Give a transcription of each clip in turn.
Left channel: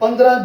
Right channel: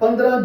15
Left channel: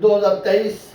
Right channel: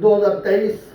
2023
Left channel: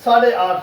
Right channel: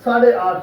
8:30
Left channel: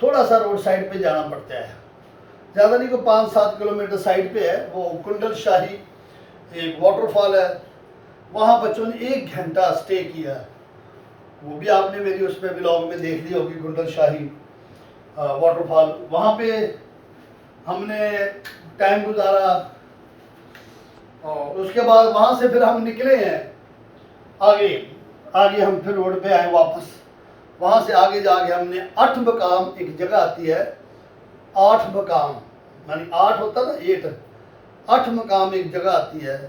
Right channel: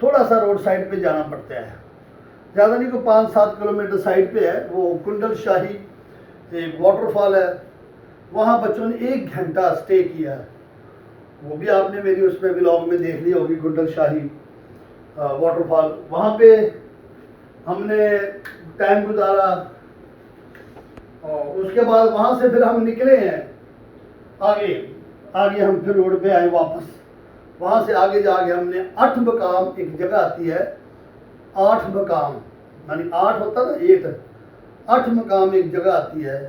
تھوڑا سا road side پہ جانا پڑتا ہے، زیادہ نہیں، کوئی 5-7 کلومیٹر سائڈ پہ ہے، وہ کنڈل شاہی ایک واٹر فال ہے، وہاں بچوں نے 1 گھنٹہ سٹے کیا ہے، وہ بھی آپ نے میری اس پہ ولاگ میں دیکھ لی ہوگی، کنڈل شاہی واٹر فال، وہاں پہ ہم نے ٹائم گزارا، اور اس کے بعد وہاں سے پھر ہم نکلے ہیں آگے ہم پھر روڈ پہ آئے واپس، وہاں سے آگے جا کے ہم نے 8 مقام ایک جگہ آتی ہے، 8 مقام یعنی 8 ہوتا نا 8 مقام ایک جگہ آتی ہے،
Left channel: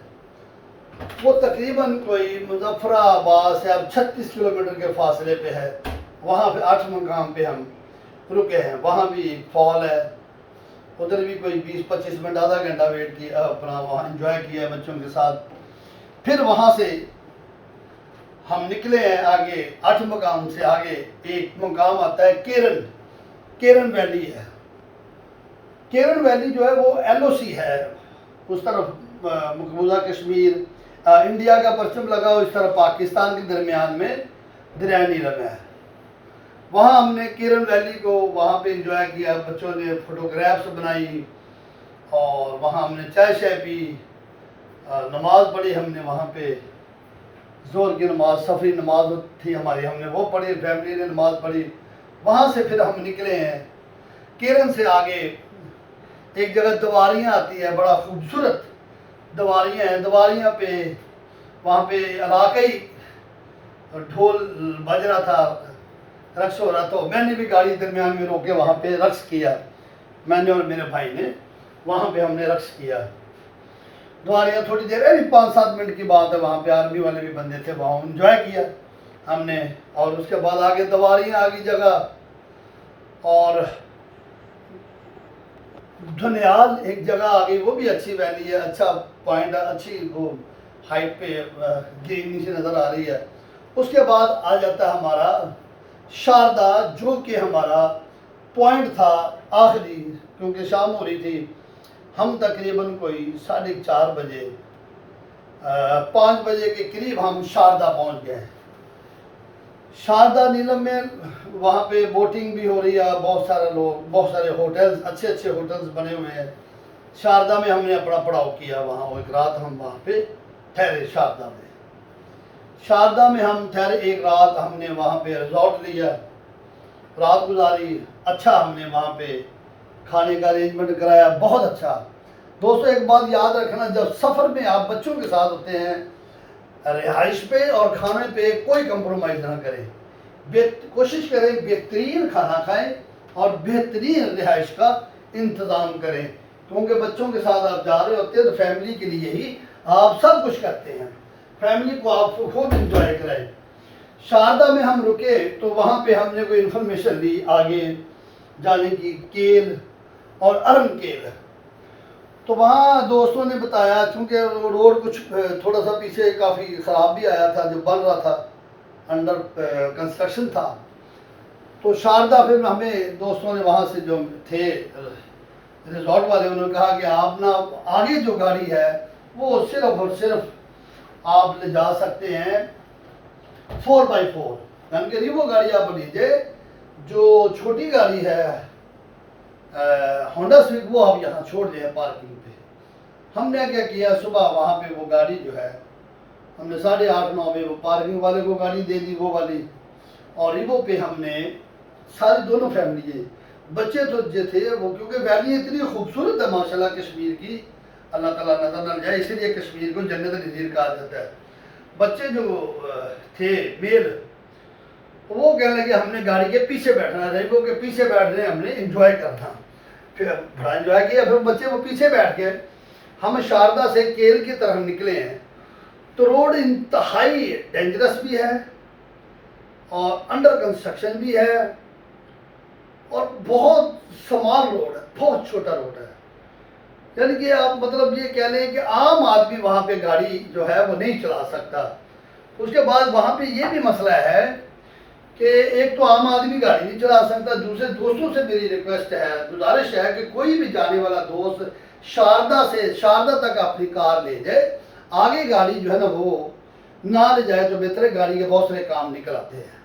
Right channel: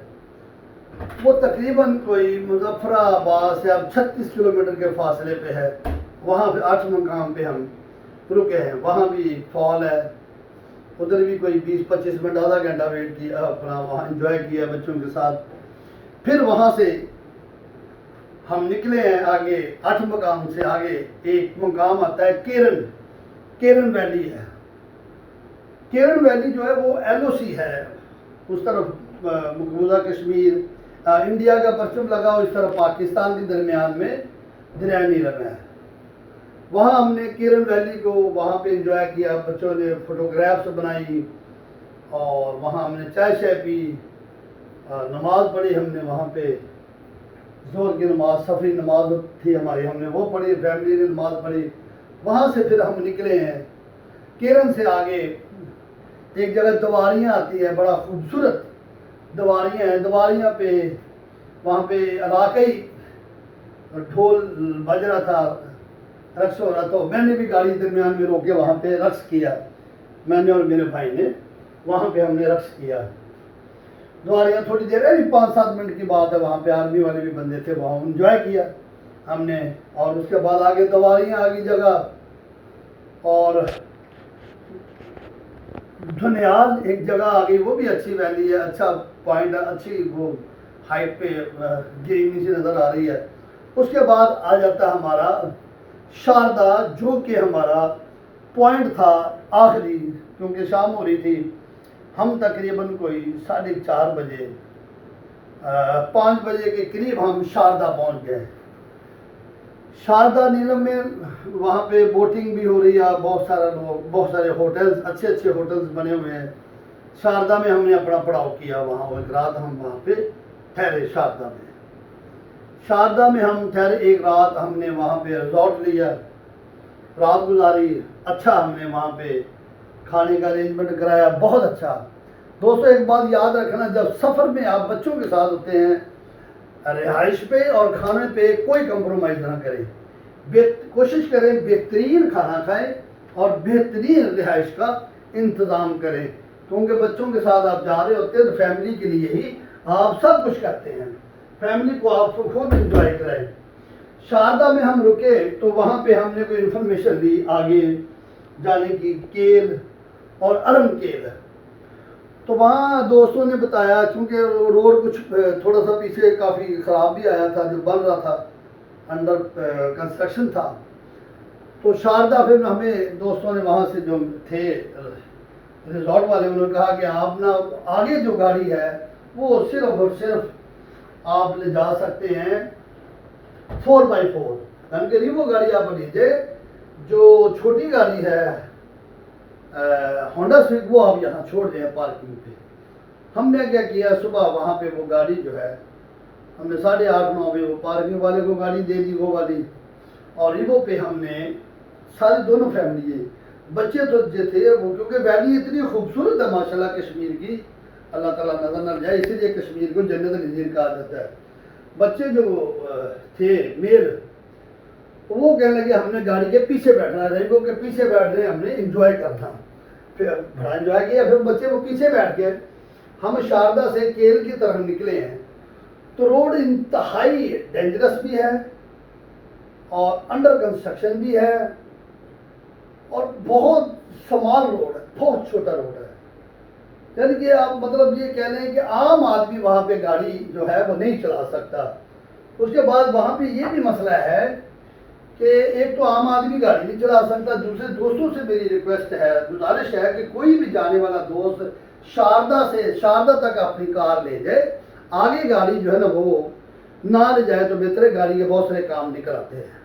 وہ تقریباً کوئی مظفر آباد سے اب 36 کلومیٹر کے فاصلے پہ ہے، وہاں پہ 8 مقام پہ ہم رکے ہیں، وہاں بھی فال ہے، ادھر بھی کوئی 20-25 منٹ آدھا گھنٹہ ویٹ کیا، اپنا وہاں انجوائے کیا بچوں کے ساتھ، پھر وہاں سے ہم نکلے ہیں آگے 8 مقام سے آگے ایک مقام آتا ہے کیرن ویلی ہے، کیرن ویلی جو ہے وہ LOC ہے، اس طرف مقبوضہ کشمیر انڈیا کا پرچم لگا ہو، اس طرف پاکستان کے درمیان میں دریائے نیلم ہے، وہاں ہم نے کیرن ویلی کو وہاں پہ انجوائے کیا، بچوں نے فوٹوگرافس بنائی، اور وہاں ہم نے چائے شائے پی، نماز پڑھی ہم نے وہاں پہ، ظہر کی نماز سفری نماز تھی ہماری، ہم نے وہ پڑھی، فیملی نے نماز پڑھی، وہاں سے پھر ہم نکلے ہیں کیرن سے آگے ایک جگہ دواریاں آتی ہے، بڑا خوبصورت دواریاں ہیں، دواریاں پہ وہاں پہ علاقائی ڈھول بج رہا تھا، رقص ہو رہا تھا، میں نے بھی گاڑی درمیان میں روکے وہاں پہ رقص کیا، میں نے اور میرے بھائی نے وہاں پہ ہم نے رقص کیا، دواریاں تھوڑی دیر ہے، 5-7 منٹ کی بات ہے، وہاں پہ آرمی والے بھی بندے تھے، وہاں انجوائے کیا ہم نے، اور اس کے بعد آگے دواریاں آگی جگہ، اور دھنیال ایک جگہ آ گئی، وہ بھی اچھی ویلی ہے، اچھا پوائنٹ ہے، اچھی وہ ہائٹ پہ گرین نیچے نظر آ رہی ہے، اس کے بعد آ جاتا ہے ہمارا شاردا، جو کہ ہمارا پوائنٹ تھا آخری، کیونکہ شام ہو رہی تھی، ہم تقریباً کوئی 4:30 بجے 5 بجے کے قریب ہم شاردا پہنچ گئے، شاردا نیلم میں وہاں پہ بوٹنگ بھی ہو رہی ہے، بہت سارے ہوٹلز، اچھے ہوٹلز بنے ہوئے ہیں، شاردا میں ہم نے اپنا پڑاؤ کیا، وہاں ایک رات ہم وہاں پہ ٹھہرے، شاردا میں ہم ٹھہرے ایک رات، ہم نے وہاں پہ ریزورٹ لیا، رات گزاری، اچھا ہم نے وہاں پہ کھانے کا ارینجمنٹ کرایا، بہت اچھا۔ دوستو ایک بات یاد رکھنا، جب سفر میں آپ بچوں کے ساتھ ہوتے ہیں، رہائش پہ اور کھانے پہ کوئی کمپرومائز نہ کریں، کوشش کریں بہترین کھانا کھائیں اور بہترین رہائش کا انتظام کریں، کیونکہ بچوں کے ساتھ آپ جا رہے ہوتے ہیں تو فیملی کے لیے ہی آپ سب کچھ کرتے ہیں، فیملی کو آپ خود انجوائے کرائیں۔ شاردا میں ہم رکے تو وہاں پہ ہم نے کوئی انفارمیشن لی آگے جانے کی، کیل اور ارم کیل، تو وہاں دوستوں نے بتایا، چونکہ روڈ کچھ تھوڑا سا پیچھے کافی خراب بھی آیا تھا، جو بن رہا تھا، انڈر کنسٹرکشن تھا، تو شاردا پھر ہمیں دوستوں نے وہاں سے جو تھے ریزورٹ والے، انہوں نے کہا کہ آپ نا آگے جو گاڑی ہے وہ صرف اور صرف آپ لے جا سکتے ہیں 4x4، یعنی کہ وہ گاڑی آپ لیجیے، جو چھوٹی گاڑی ہے ہونڈا سویگ، وہ آپ یہاں چھوڑ دیں پارکنگ پہ۔ ہم نے کیا کیا، صبح وہاں پہ وہ گاڑی جو ہے ہم نے 8:30-9 بجے وہ پارکنگ والے کو گاڑی دے دی، وہ والی، اور ایوو پہ ہم نے ساری دونوں فیملی، بچے تو جو تھے وہ، کیونکہ ویلی اتنی خوبصورت ہے ماشاءاللہ کشمیر کی، اللہ تعالیٰ نظر نہ جائے، اسی لیے کشمیر کو جنت نظیر کہا جاتا ہے۔ بچے جو تھے میل، وہ کہنے لگے ہم نے گاڑی کے پیچھے بیٹھنا، ریمبو کے پیچھے بیٹھ رہے ہیں، ہم نے انجوائے کرنا، پھر بڑا انجوائے کیا، پھر بچے وہ پیچھے بیٹھ گئے، ہم شاردا سے کیل کی طرف نکلے ہیں، تو روڈ انتہائی ڈینجرس بھی ہے اور انڈر کنسٹرکشن بھی ہے، اور بہت سمال روڈ ہے، بہت چھوٹا روڈ ہے، یعنی کہ آپ مطلب یہ کہہ لیں کہ عام آدمی وہاں پہ گاڑی جو ہے وہ نہیں چلا سکتا۔ اس کے بعد وہاں پہ یہ بھی مسئلہ ہے کہ ایک تو عام آدمی گاڑی نہیں چلا سکتا، دوسرے دوستوں سے میری ریکویسٹ ہے، گزارش ہے کہ کوئی بھی جانے والا دوست شاردا تک اپنی کار لے جائے، آگے گاڑی جو ہے نا وہ نہ لے جائے تو بہتر ہے، گاڑی کے بہت سارے کام نکل آتے ہیں۔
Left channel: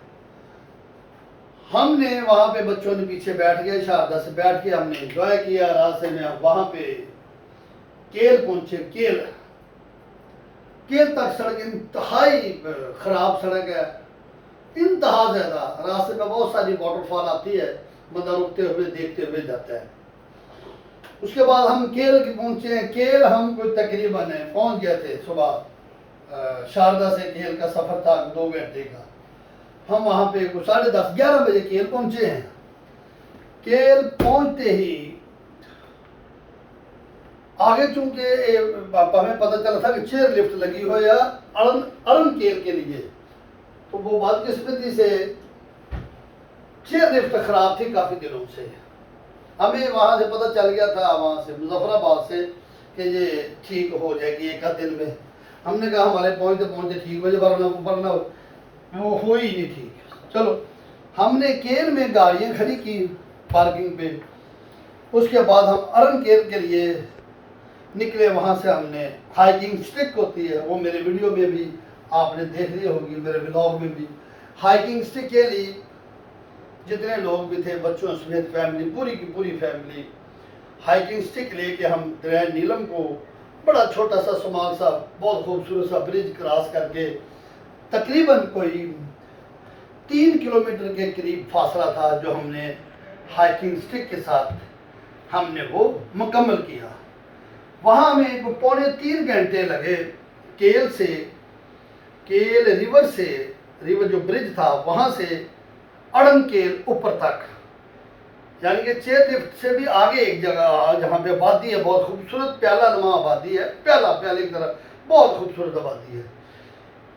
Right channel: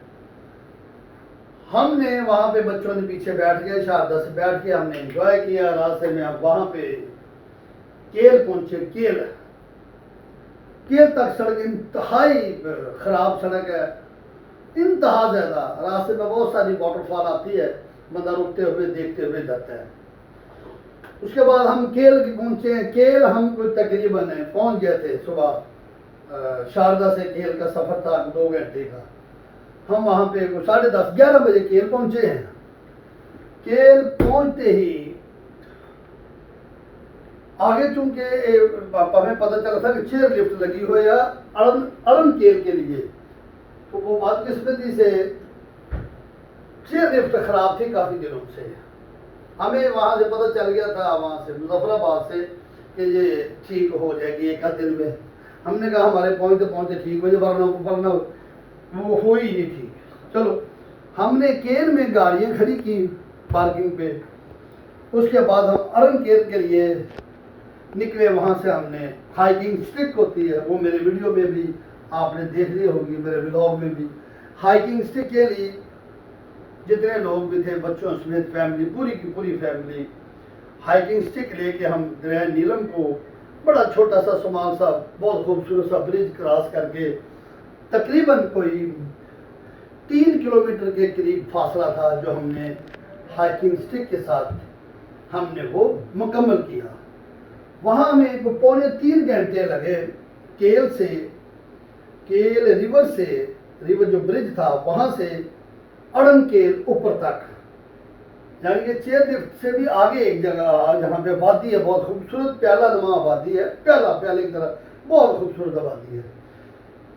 ہم نے وہاں پہ بچوں نے پیچھے بیٹھ گئے، شاردہ سے بیٹھ کے ہم نے انجوائے کیا راستے میں. اب وہاں پہ کیل پہنچے. کیل تک سڑک انتہائی خراب سڑک ہے، انتہا زیادہ. راستے میں بہت ساری واٹر فال آتی ہے، بندہ رکتے ہوئے دیکھتے ہوئے جاتا ہے. اس کے بعد ہم کیل پہنچے ہیں. کیل ہم کوئی تقریباً پہنچ گئے تھے صبح. شاردہ سے کیل کا سفر تھا 2 گھنٹے کا. ہم وہاں پہ 10:30 11 بجے کیل پہنچے ہیں. کیل پہنچتے ہی آگے چونکہ ہمیں پتہ چلا تھا کہ چیئر لفٹ لگی ہوئی ہے ارن کیل کے لیے، تو وہ بدقسمتی سے چیئر لفٹ خراب تھی کافی دنوں سے. ہمیں وہاں سے پتہ چل گیا تھا، وہاں سے مظفر آباد سے، کہ یہ ٹھیک ہو جائے گی 1 دن میں. ہم نے کہا ہمارے پہنچتے پہنچتے ٹھیک ہو جائے، ورنہ وہ ہو ہی نہیں ٹھیک. چلو ہم نے کیل میں گاڑیاں کھڑی کی پارکنگ پہ. اس کے بعد ہم ارن کیل کے لیے نکلے. وہاں سے ہم نے ہائیکنگ سٹک ہوتی ہے، وہ میرے ویڈیو میں بھی آپ نے دیکھ لی ہوگی، میرے ولاگ میں بھی. ہائیکنگ سٹک کے لیے جتنے لوگ بھی تھے بچوں سمیت فیملی، پوری کی پوری فیملی، ہائیکنگ سٹک لے کے ہم دریا نیلم کو بڑا چھوٹا سا سمال سا بہت خوبصورت سا برج کراس کر کے تقریباً کوئی 3 کلومیٹر کے قریب فاصلہ تھا جو ہم نے ہائیکنگ سٹک کے ساتھ ہم نے وہ مکمل کیا. وہاں ہمیں 2.25 گھنٹے لگے کیل ریور جو برج تھا وہاں سے اڑن کیل اوپر تک. یعنی کہ چیئر لفٹ سے بھی آگے ایک جگہ جہاں پہ وادی ہے، بہت خوبصورت پیالہ نما وادی ہے، پیالہ کی طرح بہت خوبصورت وادی ہے.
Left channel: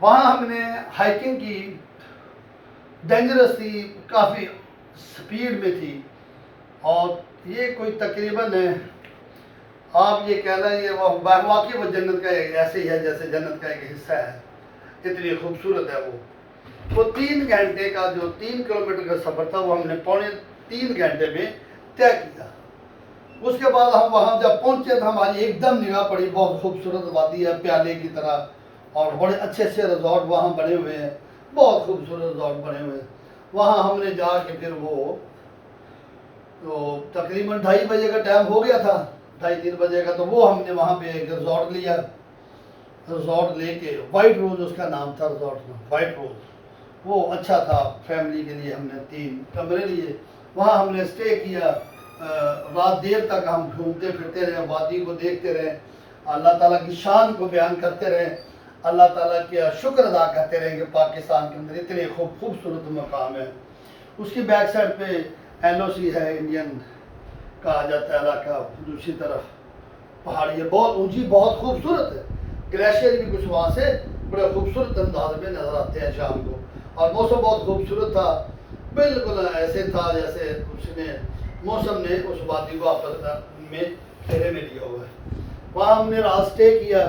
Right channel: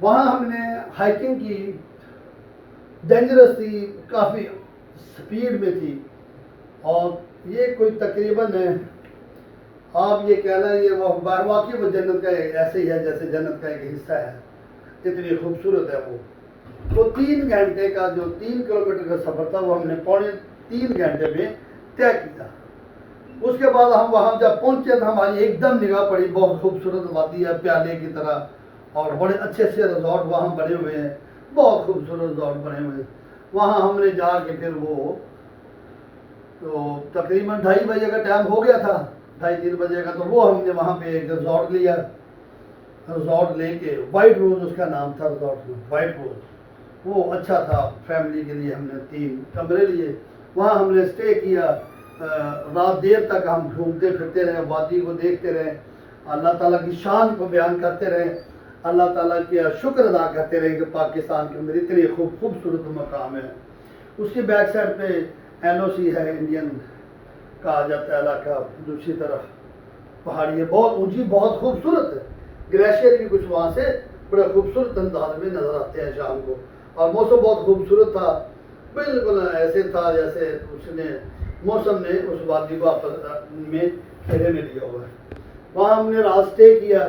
وہاں ہم نے ہائیکنگ کی. ڈینجرس تھی، کافی سپیڈ میں تھی، اور یہ کوئی تقریباً آپ یہ کہنا یہ واقعی وہ جنت کا ایسے ہی ہے جیسے جنت کا ایک حصہ ہے، اتنی خوبصورت ہے وہ 3 گھنٹے کا جو 3 کلومیٹر کا سفر تھا وہ ہم نے 3.25 گھنٹے میں طے کیا. اس کے بعد ہم وہاں جب پہنچے تو ہماری ایک دم نگاہ پڑی، بہت خوبصورت وادی ہے پیالے کی طرح، اور بڑے اچھے اچھے ریزورٹ وہاں بنے ہوئے ہیں، بہت خوبصورت ریزورٹ بنے ہوئے ہیں. وہاں ہم نے جا کے پھر وہ تو تقریباً 2:30 بجے کا ٹائم ہو گیا تھا، 2:30-3 بجے کا. تو وہ ہم نے وہاں پہ ایک ریزورٹ لیا. ریزورٹ لے کے وائٹ روز اس کا نام تھا ریزورٹ کا، وائٹ روز. وہ اچھا تھا، فیملی کے لیے ہم نے 3 کمرے لیے. وہاں ہم نے اسٹے کیا. رات دیر تک ہم گھومتے پھرتے رہے، وادی کو دیکھتے رہے، اللہ تعالیٰ کی شان کو بیان کرتے رہے، اللہ تعالیٰ کا شکر ادا کرتے رہے کہ پاکستان کے اندر اتنے خوبصورت مقام ہے. اس کی بیک سائڈ پہ LOC ہے، انڈین کہا جاتا ہے علاقہ. دوسری طرف پہاڑی ہے، بہت اونچی، بہت خوبصورت ہے. گلیشیئر بھی کچھ وہاں سے بڑے خوبصورت انداز میں نظر آتے ہیں شام کو. اور موسم بہت خوبصورت تھا، بالکل ایسے تھا جیسے موسم نے اس وادی کو آپس میں گھیرے میں لیا ہوا ہے. وہاں ہم نے راستے کیا.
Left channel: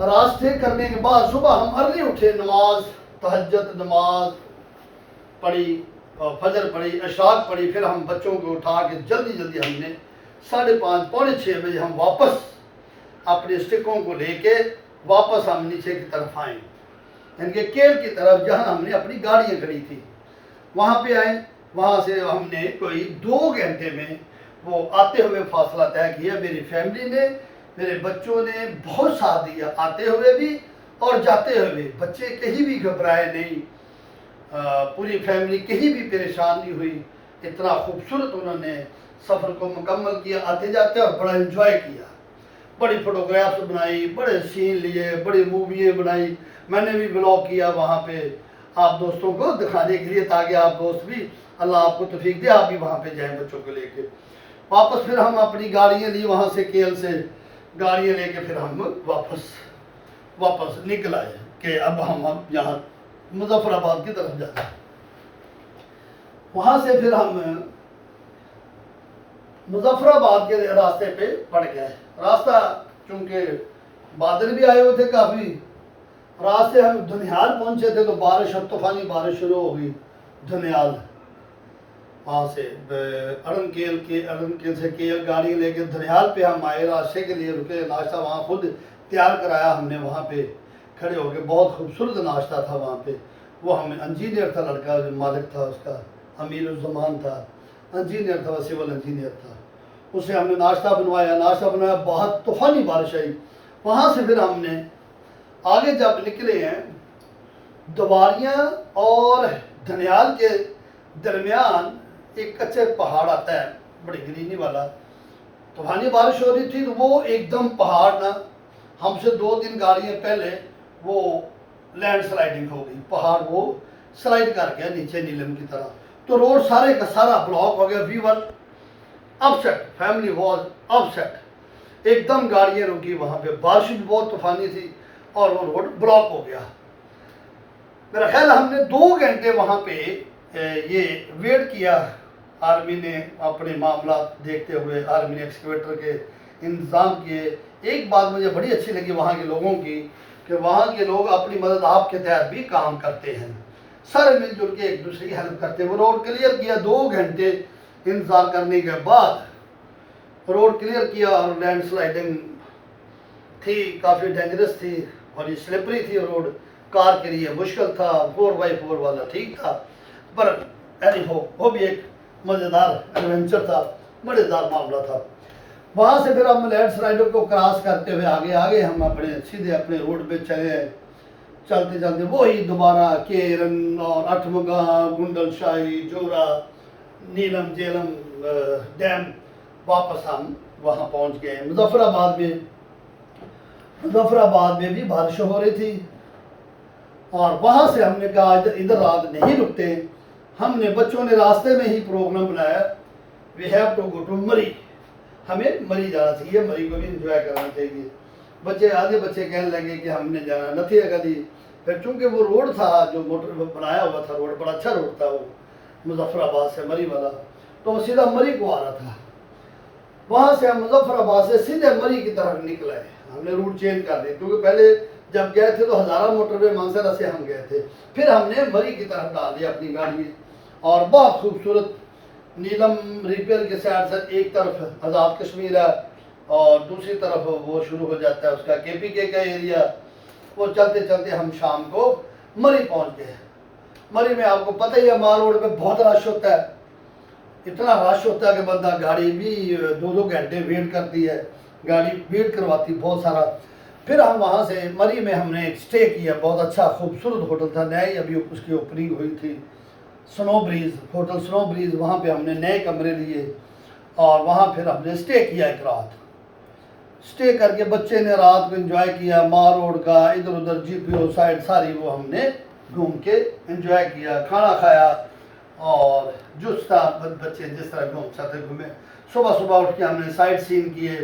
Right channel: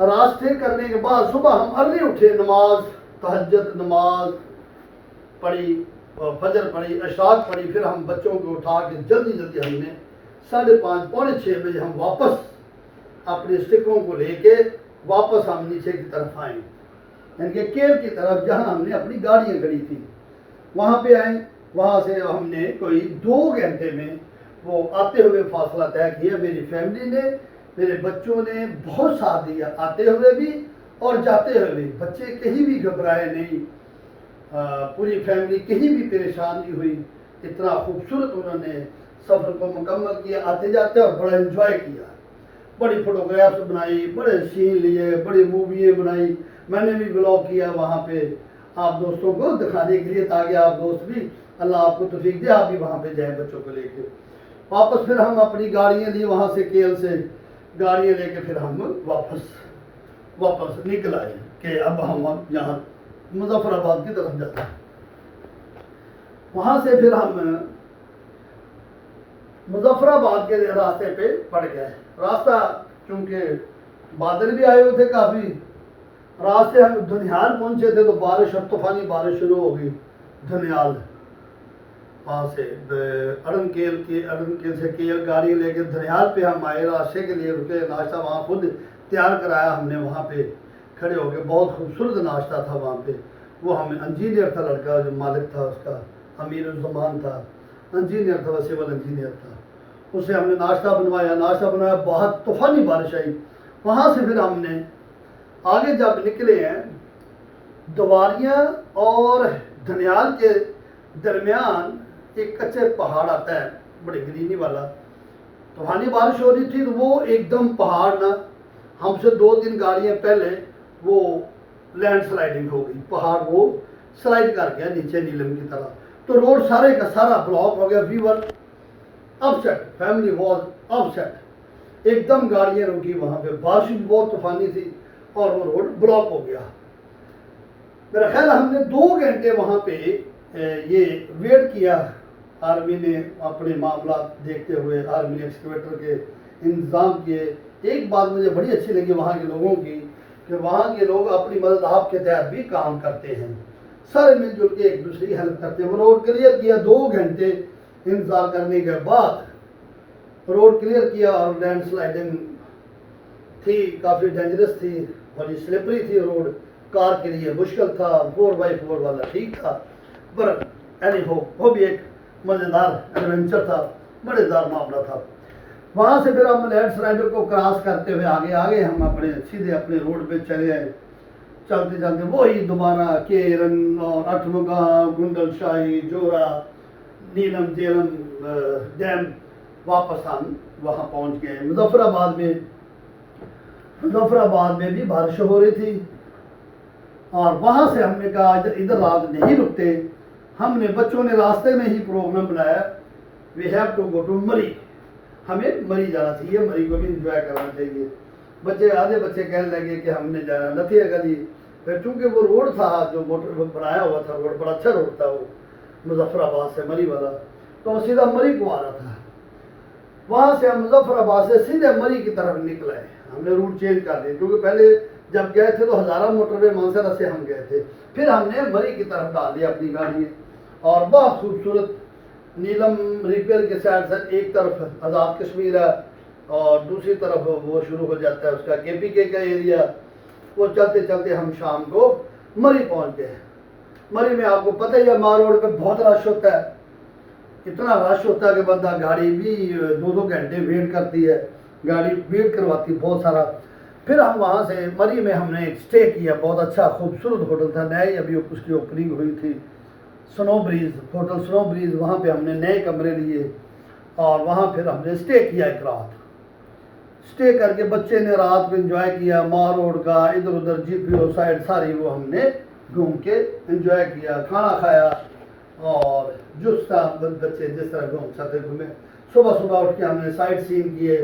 راستے کرنے کے بعد صبح ہم ارلی اٹھے، نماز تہجد نماز پڑھی، فجر پڑھی، اشراق پڑھی. پھر ہم بچوں کو اٹھا کے جلدی ہم نے 5:30 پونے 6 بجے ہم واپس اپنے سٹکوں کو لے کے واپس ہم نیچے کی طرف آئیں، یعنی کہ کیل کی طرف جہاں ہم نے اپنی گاڑیاں کھڑی تھی وہاں پہ آئیں. وہاں سے ہم نے کوئی 2 گھنٹے میں وہ آتے ہوئے فاصلہ طے کیا. میری فیملی نے، میرے بچوں نے بہت ساتھ دیا، آتے ہوئے بھی اور جاتے ہوئے بھی. بچے کہیں بھی گھبرائے نہیں، پوری فیملی کہیں بھی پریشان نہیں ہوئی. اتنا خوبصورت انہوں نے سفر کو مکمل کیا آتے جاتے، اور بڑا انجوائے کیا. بڑی فوٹوگرافس بنائی، بڑے سین لیے، بڑی موویاں بنائی. میں نے بھی بلاگ کیا وہاں پہ آپ دوستوں کو دکھانے کے لیے، تاکہ آپ دوست بھی، اللہ آپ کو توفیق دے، آپ بھی وہاں پہ جائیں بچوں کو لے کے. واپس پھر ہم اپنی گاڑیاں لی، وہاں سے کیل سے گاڑیاں لے کے پھر ہم واپس نکل آئے کہ اب ہم یہاں مظفر آباد کی طرف جاتے ہیں. وہاں سے پھر ہم مظفر آباد کے راستے پہ پڑ گئے. راستہ چونکہ بادل بھی آئے ہوئے تھے کافی، راستے ہم دھنیال پہنچے تھے تو بارش اور طوفانی بارش شروع ہو گئی. دھنیال وہاں سے اڑن کیل سے کیل گاڑی لے کے دھنیال پہ ہم آئے. راستے کے لیے رکے، ناشتہ وہاں خود تیار کرایا ہم نے، وہاں پہ کھڑے ہو کے. بہت خوبصورت ناشتہ تھا وہاں پہ. وہ ہمیں انجینئر تھا لڑکا، جو مالک تھا اس کا امیر الزمان تھا، انجینئر تھا، وہ سول انجینئر تھا. اسے ہم نے ناشتہ بنوایا، بہت طوفانی بارش آئی. وہاں سے پھر ہم نے آگے جب نکلے ہیں، دواریاں اور دھنیال کے درمیان ایک کچے پہاڑ آتا ہے بڑی گرینی والا. طوفانی بارش ہو رہی تھی تو وہ ایک دم پہاڑ نہ، ہم سے 2-3 گاڑیاں پہلے وہ لینڈ سلائڈنگ ہو گئی، پہاڑ وہ سلائڈ کر گیا نیچے نیلم کی طرح. تو روڈ سارے کا سارا بلاک ہو گیا. وی ور اپسیٹ، فیملی واز اپسیٹ. ایک دم گاڑیاں رکی وہاں پہ، بارش بھی بہت طوفانی تھی اور وہ روڈ بلاک ہو گیا. میرا خیال ہم نے 2 گھنٹے وہاں پہ یہ ویٹ کیا. آرمی نے اپنے معاملات دیکھتے ہوئے آرمی نے ایکسکیویٹر کے انتظام کیے. ایک بات مجھے بڑی اچھی لگی وہاں کے لوگوں کی کہ وہاں کے لوگ اپنی مدد آپ کے تحت بھی کام کرتے ہیں، سارے مل جل کے ایک دوسرے کی ہیلپ کرتے ہیں. وہ روڈ کلیئر کیا 2 گھنٹے انتظار کرنے کے بعد روڈ کلیئر کیا. اور لینڈ سلائڈنگ تھی، کافی ڈینجرس تھی اور یہ سلپری تھی روڈ، کار کے لیے مشکل تھا. 4x4 والا ٹھیک تھا، پر اینی ہو وہ بھی ایک مزیدار ایڈونچر تھا، مزیدار معاملہ تھا. وہاں سے پھر ہم لینڈ سلائڈر کو کراس کرتے ہوئے آگے ہم سیدھے اپنے روڈ پہ چلے آئے. چلتے چلتے وہی دوبارہ کیرن اور اٹھمگا، گنڈل شاہی، جورا، نیلم جیلم ڈیم، واپس ہم وہاں پہنچ گئے. مظفر آباد میں بھی بارش ہو رہی تھی اور وہاں سے ہم نے کہا ادھر رات نہیں رکتے. ہم نے بچوں نے راستے میں ہی پروگرام بنایا، we have to go to Murree, ہمیں مری جانا چاہیے، مری کو بھی انجوائے کرنا چاہیے. آدھے بچے کہنے لگے کہ ہم نے جانا نتھی گلی. پھر چونکہ وہ روڈ تھا جو موٹر بنایا ہوا تھا، روڈ بڑا اچھا روڈ تھا وہ مظفر آباد سے مری والا، تو وہ سیدھا مری کو آ رہا تھا. وہاں سے ہم مظفر آباد سے سیدھے مری کی طرف نکل آئے. ہم نے روٹ چینج کر دیا کیونکہ پہلے جب گئے تھے تو ہزارہ موٹر وے مانسرا سے ہم گئے تھے. پھر ہم نے مری کی طرف ڈال دیا اپنی گاڑی میں اور بہت خوبصورت نیلم ریپیئر کے سائڈ سے ایک طرف آزاد کشمیر ہے اور دوسری طرف وہ شروع ہو جاتا ہے اس کا KPK کا ایریا. وہ چلتے چلتے ہم شام کو مری پہنچ گئے. مری میں آپ کو پتہ ہی ہے مار روڈ پہ بہت رش ہوتا ہے، اتنا رش ہوتا ہے کہ بندہ گاڑی بھی 2 گھنٹے ویٹ کرتی ہے، گاڑی ویٹ کرواتی بہت سارا. پھر ہم وہاں سے مری میں ہم نے ایک اسٹے کیا، بہت اچھا خوبصورت ہوٹل تھا، نئے ابھی اس کی اوپننگ ہوئی تھی، سنو بریز ہوٹل سنو بریز. وہاں پہ ہم نے نئے کمرے لیے اور وہاں پھر ہم نے اسٹے کیا ایک رات. اسٹے کر کے بچے نے رات کو انجوائے کیا، مار روڈ کا ادھر ادھر GPO سائڈ ساری وہ ہم نے گھوم کے انجوائے کیا، کھانا کھایا اور جس طرح بچے جس طرح گھوم سکتے گھومے. صبح اٹھ کے ہم نے سائٹ سین کیے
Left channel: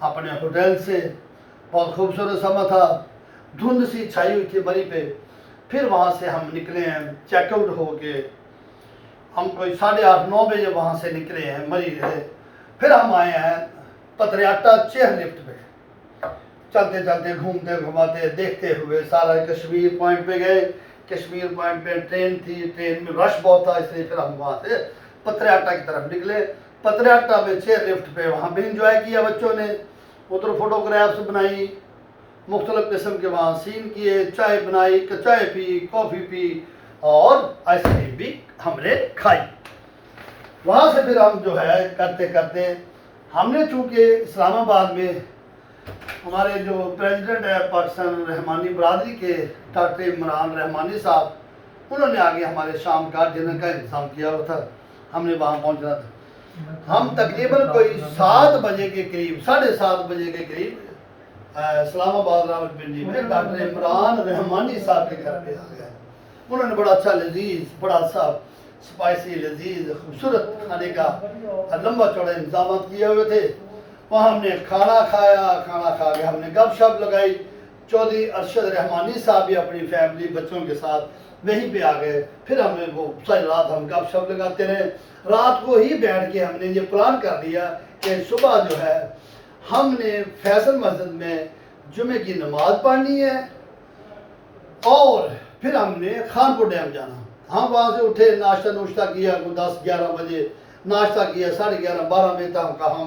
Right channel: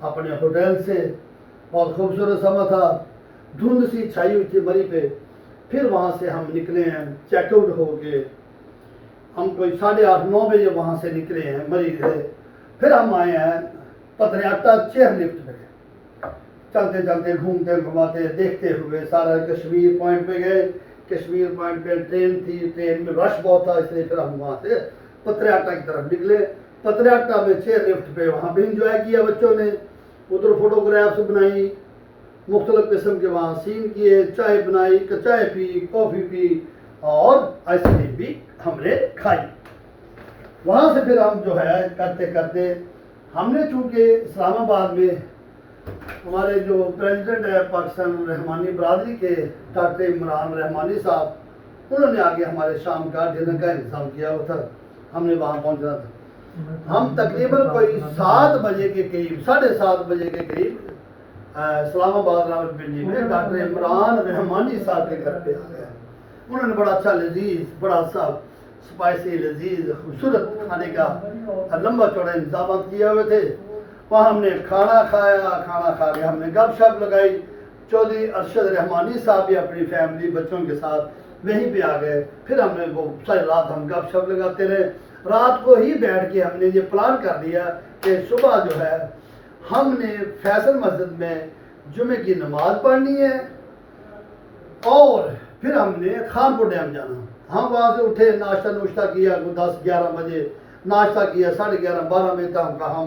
اپنے ہوٹل سے. بہت خوبصورت سما تھا، دھند سی چھائی ہوئی تھی مری پہ. پھر وہاں سے ہم نکلے ہیں چیک آؤٹ ہو کے، ہم کوئی 8:30-9 بجے وہاں سے نکلے ہیں مری سے. پھر ہم آئے ہیں پتریاٹا چیئر لفٹ پہ، چلتے چلتے گھومتے گھماتے دیکھتے ہوئے سارا کشمیر پوائنٹ پہ گئے. کشمیر پوائنٹ پہ ٹرین تھی، ٹرین میں رش بہت تھا، اس لیے پھر ہم وہاں سے پتریاٹا کی طرف نکلے. پتریاٹا میں چیئر لفٹ پہ وہاں بھی انجوائے کیا بچوں نے، ادھر فوٹوگرافس بنائی، مختلف قسم کے وہاں سین کیے، چائے بنائی، چائے پی، کافی پی اور آئس کریم بھی ہم نے کھائی. وہاں سے پھر ہم جو ہے کرتے کرتے ہم نے چونکہ اسلام آباد میں ہمارے جو پریزیڈنٹ ہے پاکستان رحمانی برادری کے ڈاکٹر عمران رحمانی صاحب، انہوں نے آگے ہمارے شام کا ڈنر کا انتظام کیا ہوا تھا. ہم نے وہاں پہنچنا تھا. ہم تقریباً کوئی 7 بجے کے قریب، 7:30 بجے کے قریب اسلام آباد راولپنڈی میں ڈاکٹر عمران رحمانی صاحب کے گھر پہ آ گیا. انہوں نے بڑا اچھا لذیذ، بڑا اچھا اسپائسی لذیذ خوبصورت کھانے کا لمبا چوڑا انتظامات کیے ہوئے تھے. وہاں ہم نے کھانا کھایا، کھانا کھا کے ہم نے گپ شپ لگائی. چودھری ارشد رحمانی صاحب بھی اپنی فیملی بچوں کے ساتھ وہیں پہ آ گئے. پھر ہم نے وہ ساری رات ہم گپ شپ لگاتے رہے. رات کو ہی بیٹھ کے ہم نے یہ پلان کر لیا کہ صبح جو ہے ہم نے فیصل مسجد میں جمعے کی نماز پڑھنی ہے اور پھر ہم نے خانپور ڈیم جانا. ہم وہاں سے اٹھے، ناشتہ کیا 10-11 بجے، ناشتہ کیا 11:30-12 بجے تک ہم